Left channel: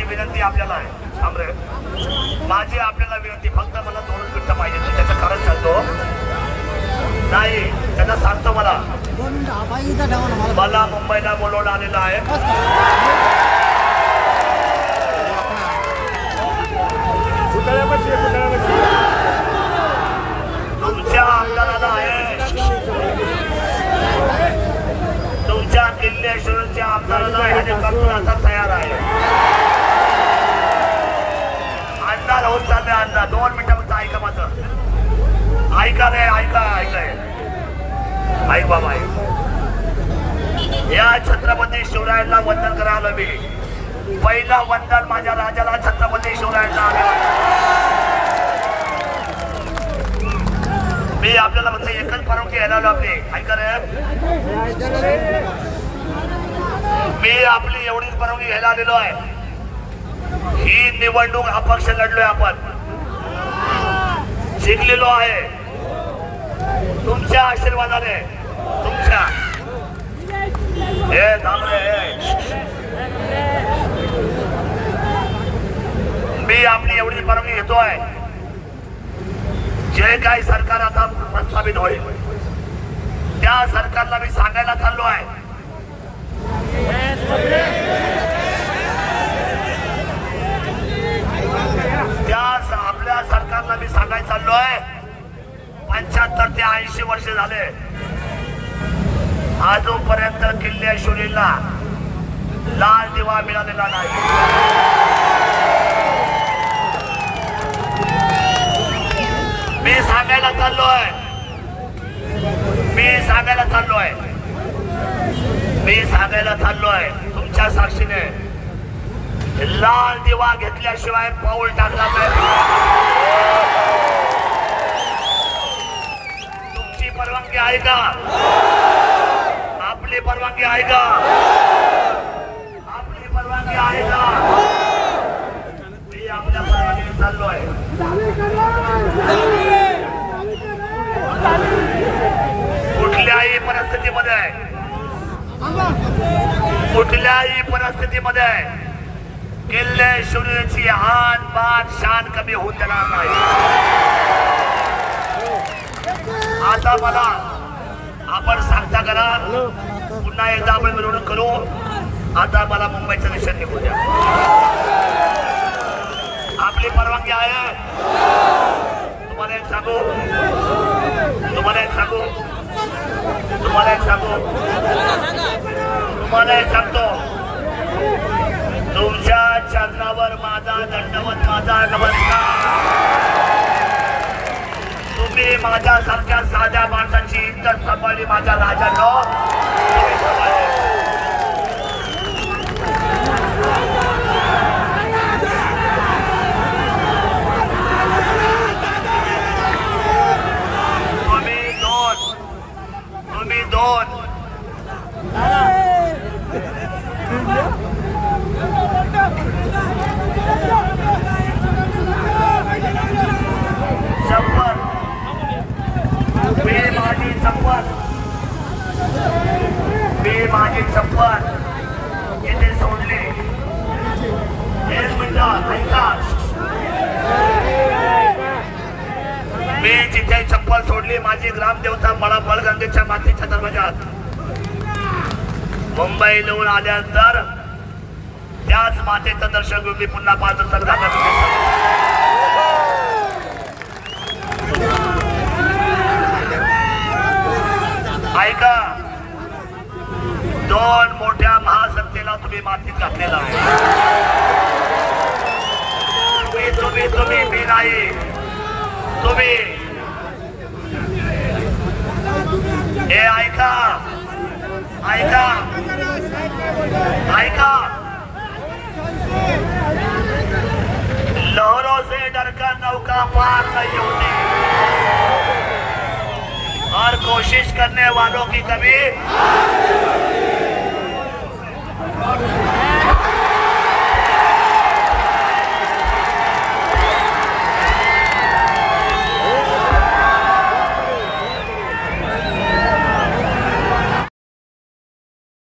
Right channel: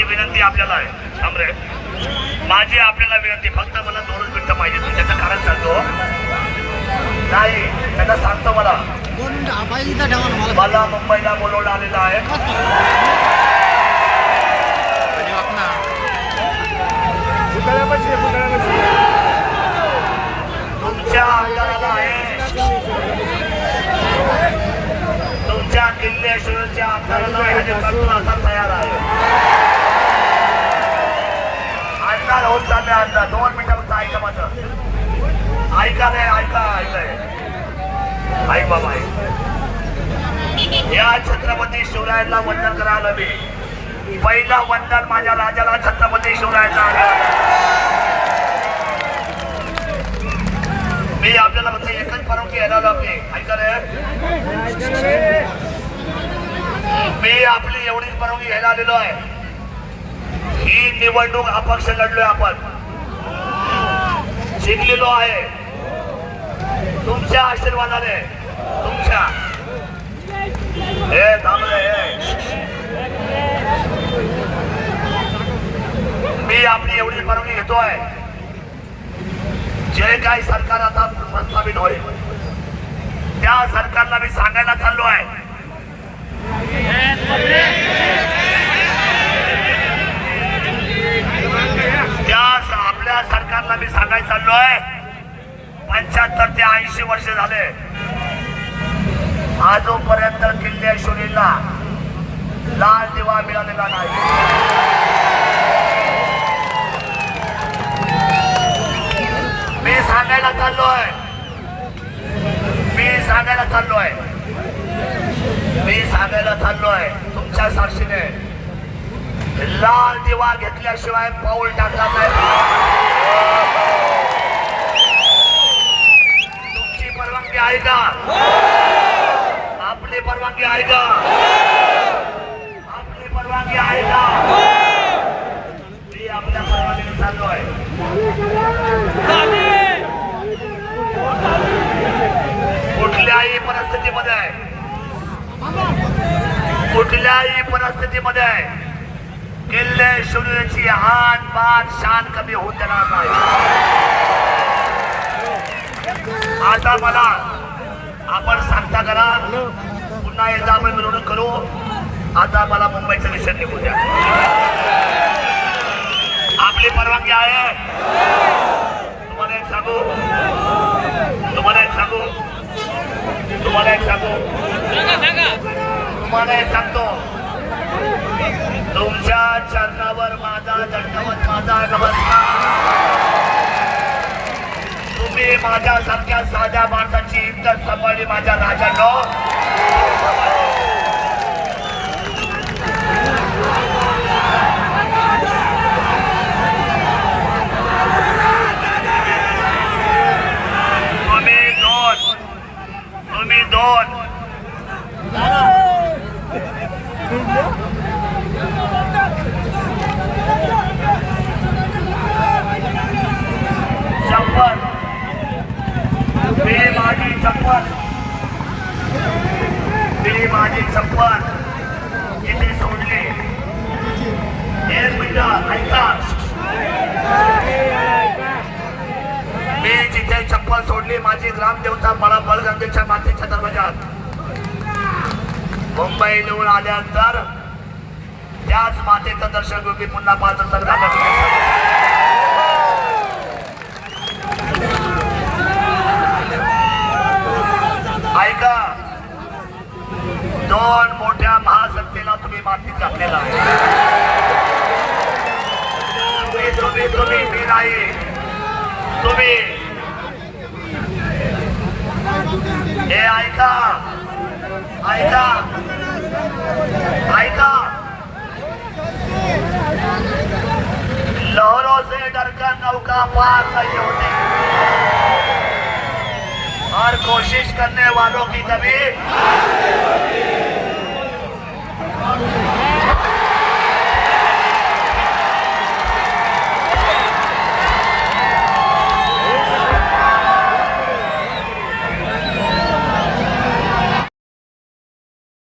माझी विनंती आपल्याला आहे. शामरे माझी आपल्याला विनंती फक्त मला दोनच मिनिटं पाहिजे. त्याचं कारण सांगतो. नाही त्याला सांगतो मला. दोन मिनिटं पाहिजे इथं ठेवा ना मला मला मुंबईला बोलवलं आलेलं आहे. तुमच्या आमदाराला आहे. तुमच्या किल्लेश्वरच्या आमदाराला हेलिकॉप्टर आता तयार आहे अंदाज होत चालले अंदाज दोन मिनिटं फक्त ऐका माझं ऐका रे ऐका ऐका. ऐक बाबा ऐक. या छत्रपती शिवरायांना वंदन करायला मी. पहिलं वंदन माझ्या राजाला छत्रपती शिवरायांना मी आपल्याला फक्त एकच फरक येणार लागते ऐका रे. मी आपली एवढीच परवानगी घ्यायला आलेलो आहे. ही निवडणूक अपक्ष लढलोय आपण. जिंकलेलो आहे. तुमच्या आशीर्वादाने तुमच्या. हे थांबले हे. मी आपली एवढी परवानगी घेतोय. जे काही सरकार आता प्रस्थापित होईल त्या सरकारला मी सांगायला चाललो आहे ऐंशी वर्ष झाले. आजोपर्यंत किल्लेश्वरीला लाल दिवा मिळालेला नाही. मी सांगायला चाललोय. मी सांगायला चाललोय. मी सांगायला चाललोय तुमच्या साक्षीने. लाल दिवा घेतल्याशिवाय पाऊल टाकला पाहिजे. आहे का आपली परवानगी आहे का आपली परवानगी आहे का मी आपल्या परवानगीने आहे. कुठल्याही परिस्थितीमध्ये. कुठल्याही परिस्थितीमध्ये किल्ले शून्याची हान मान शान कमी होत देणार नाही. आता मला आपण सांगता करा. पुन्हा एकदा आपण मिरवणूक करू. आता मला मुंबईचं विषय निघू द्या. आपली परवानगी आहे. तुम्हाला एक सांगू? तुम्हाला एक सांगू? तुम्हाला एक सांगू? तुम्हाला एक सांगतो. तुमच्या चरणावर माझा दंडवत माझा नमस्कार. माझ्यासारख्या साध्या माणसाची इज्जत सांभाळली माझ्या राजानं. तुम्ही दोन तुम्ही दोन शपथ मी माझी मी माझी चप्पल तिथे सोडली. एक मिनिट ऐका. मी जिथे चप्पल सोडली माझी ग्रामदेवता मला बळगंधीच्या मातीच्या दरवाजात मुंबई नेऊन आल्यानंतर त्याच मातेचं दर्शन घेऊन मी पुन्हा पाच तर तुम्ही मातीत घातलेला आहे तुम्ही तुम्ही तुम्ही मी नाही तुम्ही। ऐका ऐका ऐका लहरों से डरकर नौका पार नहीं होती। और कोशिश करने वालों की कभी